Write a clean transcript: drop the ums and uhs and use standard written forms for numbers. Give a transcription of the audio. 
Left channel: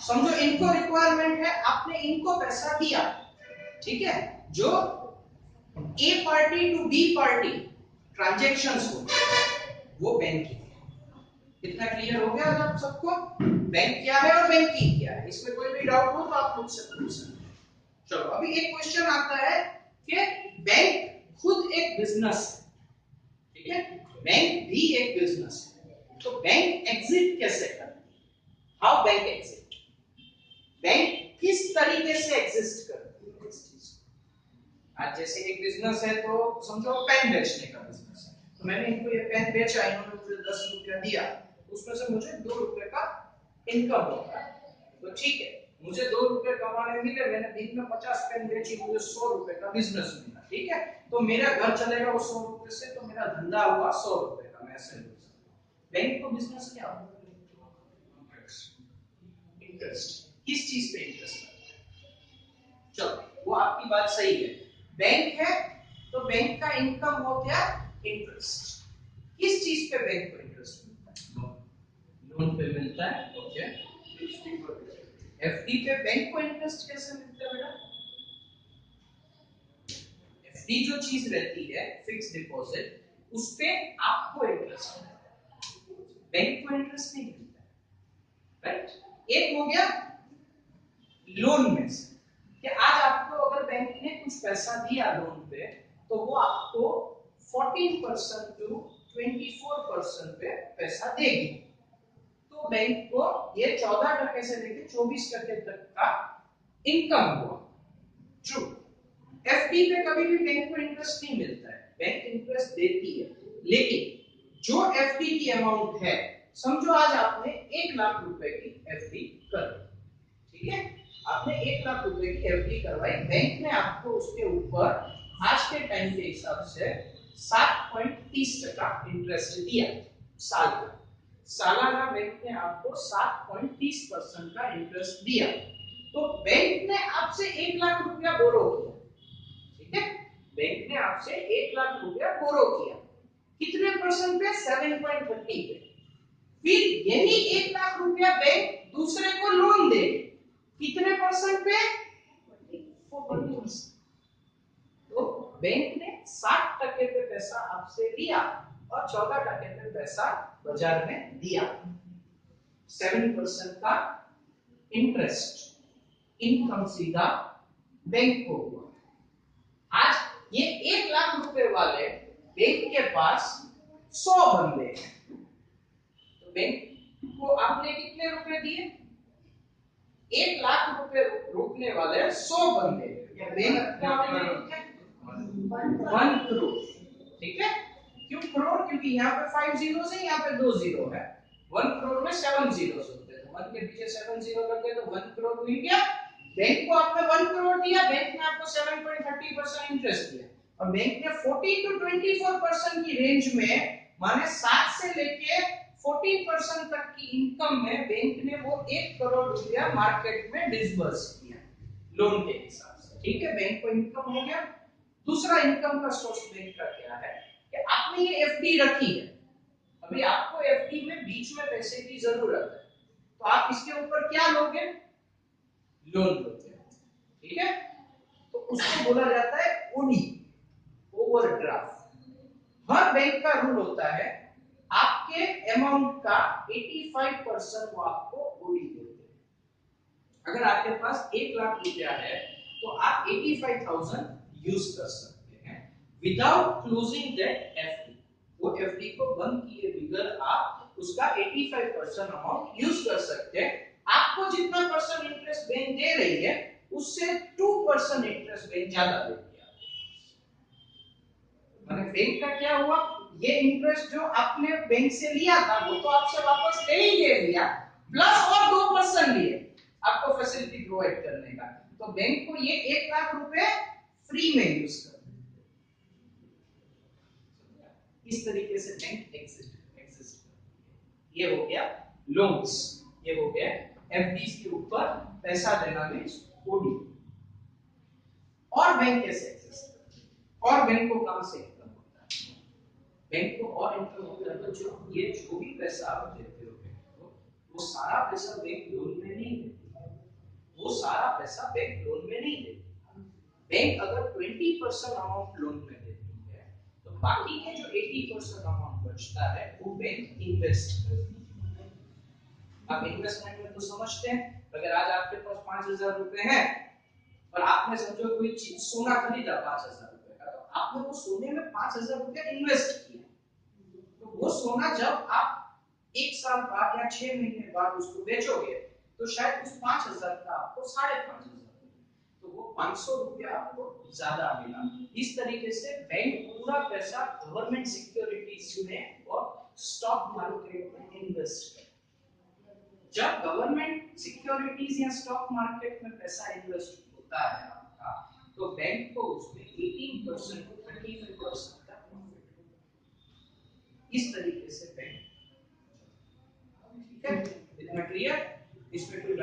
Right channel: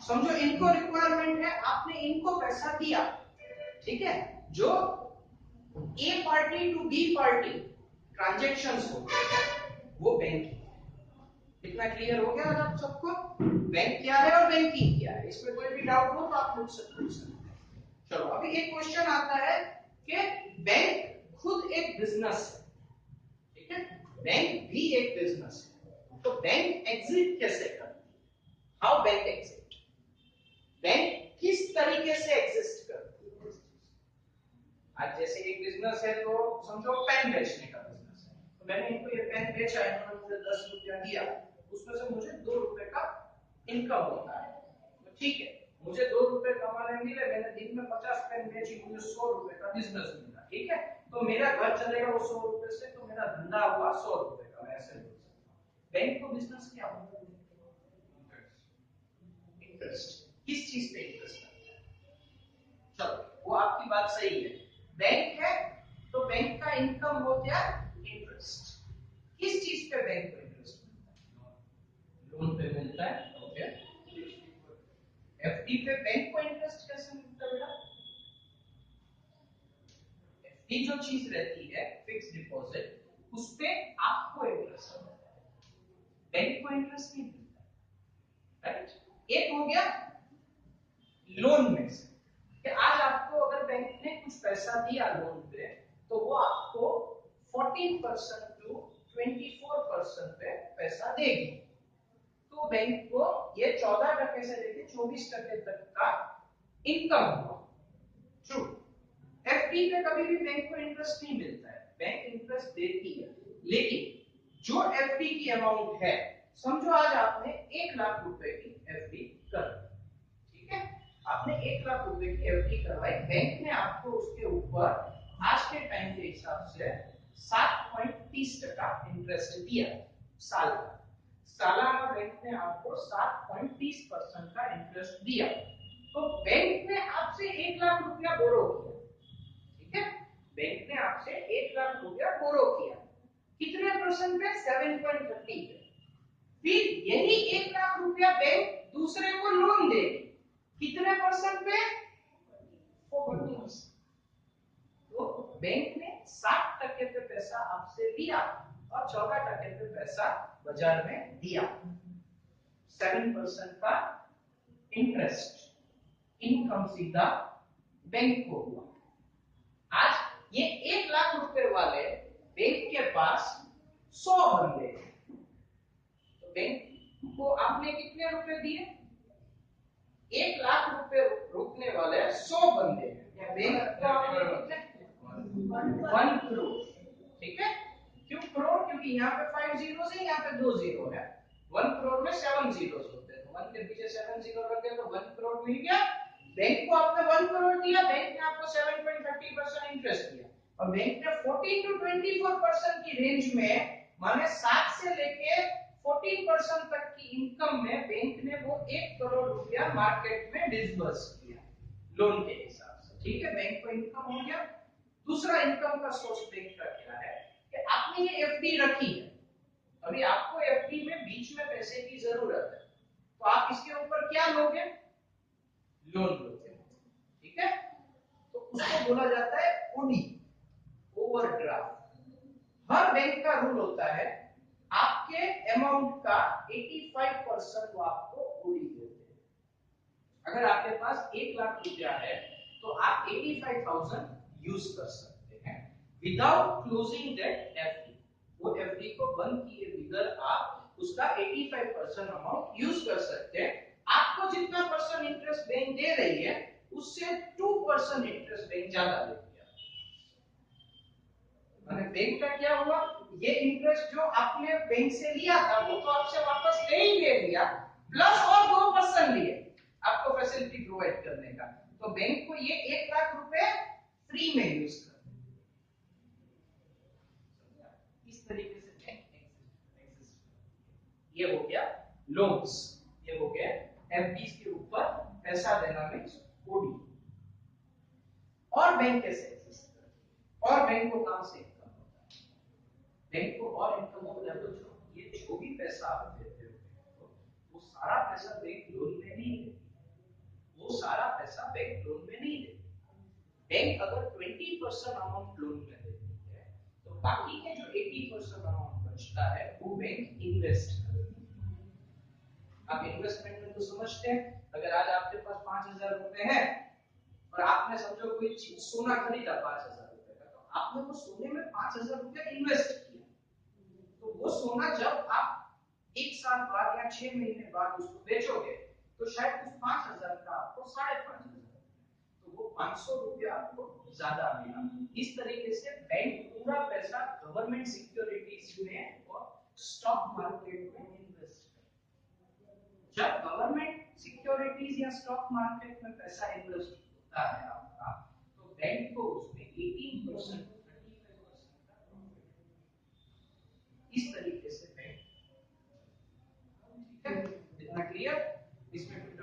समझो इनको रिक्वायरमेंट है, आपने इनको पैसा दिया, ठीक है, जो A party to B party transactions होते हैं वो बैंकिंग। इतना क्लियर हो गया जब सबको? बैंक क्या है और बैंकिंग क्या है, इसमें कोई भी डाउट हो तो आप मुझसे पूछ सकते हैं। चलो अभी एक क्वेश्चन आता है कि बैंक खुद एक बिजनेस है, ठीक है, बैंक भी एक बिजनेस है, तो बैंक एग्जिट कैसे करती है? How bank exit? बैंक किस तरीके से एग्जिस्ट करती है इस चीज को? आज जैसे एक बिजनेस है तो समझो पेन बेचने का बिजनेस है, तो मैंने इनको ये पेन बेचा, इन्होंने मुझे 10 रुपया दिया, उसमें से मुझे 2 रुपए का इनकम होता है, तो ठीक है, मुझे 2 रुपए कमाने मिले, मैंने दिन में 50 पेन बेची, मुझे 100 रुपए का बिजनेस मिला, ठीक है, तो मेरा घर चलेगा उस 100 रुपए से, तो मेरा धंधा हुआ 100 रुपए का, मैं ऐसे बोल सकता हूं। बैंक को बिजनेस क्या होता है? इंटरेस्ट। किस चीज पे इंटरेस्ट लगता है? चलो वो आपकी बात सही है, बैंक है तो बैंक का इनकम हो गया इंटरेस्ट। किस चीज पे बैंक को इंटरेस्ट मिलता है? लोन पे मिलता है, ओके। एफडी पे बैंक को इंटरेस्ट कैसे मिलता है बेटा? एफडी जो चीज रहती है फिक्स डिपॉजिट, उस पे आपको इंटरेस्ट मिलता है, बैंक को इंटरेस्ट नहीं मिलता, राइट? एक हो गया लोन में से कि आज आपको अगर बैंक ने कुछ पैसा दिया लोन पे, तो वो आपको 14% टू 24% पे पैसा देगी, तो बैंक को ये 14% से लेकर 24% तक का इनकम हुआ, ट्रू। एफडी पे कभी भी बैंक को इंटरेस्ट नहीं मिलता है, बैंक इंटरेस्ट देती है, लेकिन जो एफडी की अमाउंट है, समझो आज आपने 1 लाख रुपए की एफडी कर दी, ठीक है, आपने 1 लाख रुपए की एफडी करवाई, बैंक ने आपको उसके ऊपर आज के टाइम के हिसाब से 7.30% इंटरेस्ट दिया साल का, सालाना बैंक ने आपको 7.30% का इंटरेस्ट दिया, तो बैंक ने आपसे 1 लाख रुपया बोरो किया, ठीक है, बैंक ने आपसे 1 लाख रुपया बोरो किया, कितने परसेंट पे? 7.30 पे। फिर यही 1 लाख रुपया बैंक दूसरे को लोन देगी, कितने परसेंट पे? 14%। तो बैंक ने 60% पे पैसा आपसे लिया और 14% पे पैसा बाजार में दिया, 7% का इंटरेस्ट इनकम सीधा बैंक को हुआ। आज ये 1 लाख रुपए वाले बैंक के पास 100 बंदे हैं, तो बैंक को आपने कितने रुपए दिए? 1 लाख रुपए रोकने वाले 100 बंदे, बैंक को आपने कितने? 1 करोड़, ठीक है, क्यों करोड़? क्योंकि यहाँ पे 5 जीरोस है, यहाँ पे 2 जीरो है, 1 करोड़ में 7 जीरोस होते हैं, तो 1 के पीछे 7 जीरो लग गए, तो 1 करोड़ मिल गया। बैंक को आपने 1 करोड़ दिया, बैंक ने आपको 7.30% इंटरेस्ट दिया, और बैंक ने 14 टू 24% की रेंज में, माने 7 से लेके 14% तक की इनकम में बैंक ने वो 1 करोड़ रुपया मार्केट में डिसबर्स किया लोन के हिसाब से, ठीक है, बैंक को इनकम हो गया। दूसरा इनकम का सोर्स बैंक का क्या है कि आपने ये एफडी रखी है, अभी आपको एफडी में बीच में पैसे की जरूरत है, तो आप इसके ऊपर क्या लोगे? लोन लोगे, ठीक है, तो उसको बोला जाता है ओडी, ओवरड्राफ्ट। हर बैंक का रूल होता है आपके अमाउंट का 85% वो आपको ओडी देते हैं। अगर आपके पास 1 लाख रुपया है तो आप 85,000 यूज कर सकते हैं विदाउट क्लोजिंग दैट एफडी, वो एफडी को बंद किए बगैर आप उसका 85% अमाउंट यूज कर सकते हैं। आपको जितना परसेंट इंटरेस्ट बैंक दे रही है उससे 2% इंटरेस्ट बैंक ज्यादा देती है। मैंने बैंक का क्या हुआ, ये इंटरेस्ट जो आपने बैंक से लिया था वो तो आपसे वापस ले ही ले लिया, प्लस और 2% लिए आपको फैसिलिटी प्रोवाइड करने का, तो बैंक को ये 1 लाख रुपए फ्री में यूज कर, इस तरीके से बैंक एग्जिस्ट ये हो गया लोन्स, ये हो गया एफडीज के ऊपर पैसा देना में ओडी। और बैंक कैसे एग्जिस्ट करती है, और बैंक को कहां से इनकम होता है? बैंक को और इनकम होता है तो जो भी पैसा आप देते हो बैंक को, वो सारा पैसा बैंक लोन में नहीं देती, सारा पैसा बैंक लोन में नहीं देती। बैंक अगर 20% अमाउंट लोन में देती है तो बाकी के जो 80% अमाउंट बचता है वो बैंक इन्वेस्ट करती है। अब इन्वेस्टमेंट में तो समझते हैं, अगर आज आपके पास 5,000 रुपए है और आपने समझो कोई चीज सोना खरीदा 5,000 रुपए का, तो आपने वो सोने में 5,000 रुपए इन्वेस्ट किया, तो वो सोना जब आप 1 साल बाद या 6 महीने बाद उसको बेचोगे तो शायद उस 5,000 का आपको 5,500, तो वो 500 रुपया आपको ज्यादा मिला। इस तरीके से बैंक पूरा पैसा गवर्नमेंट सिक्योरिटीज में और स्टॉक मार्केट में इन्वेस्ट करता है। जब गवर्नमेंट सिक्योरिटीज या स्टॉक मार्केट में पैसा इन्वेस्ट होता है आपका, तो बैंक को उसमें 18% to 35% का प्रॉफिट होता है। इस तरीके से बैंक, ठीक है, इतना क्लियर? इस पे कोई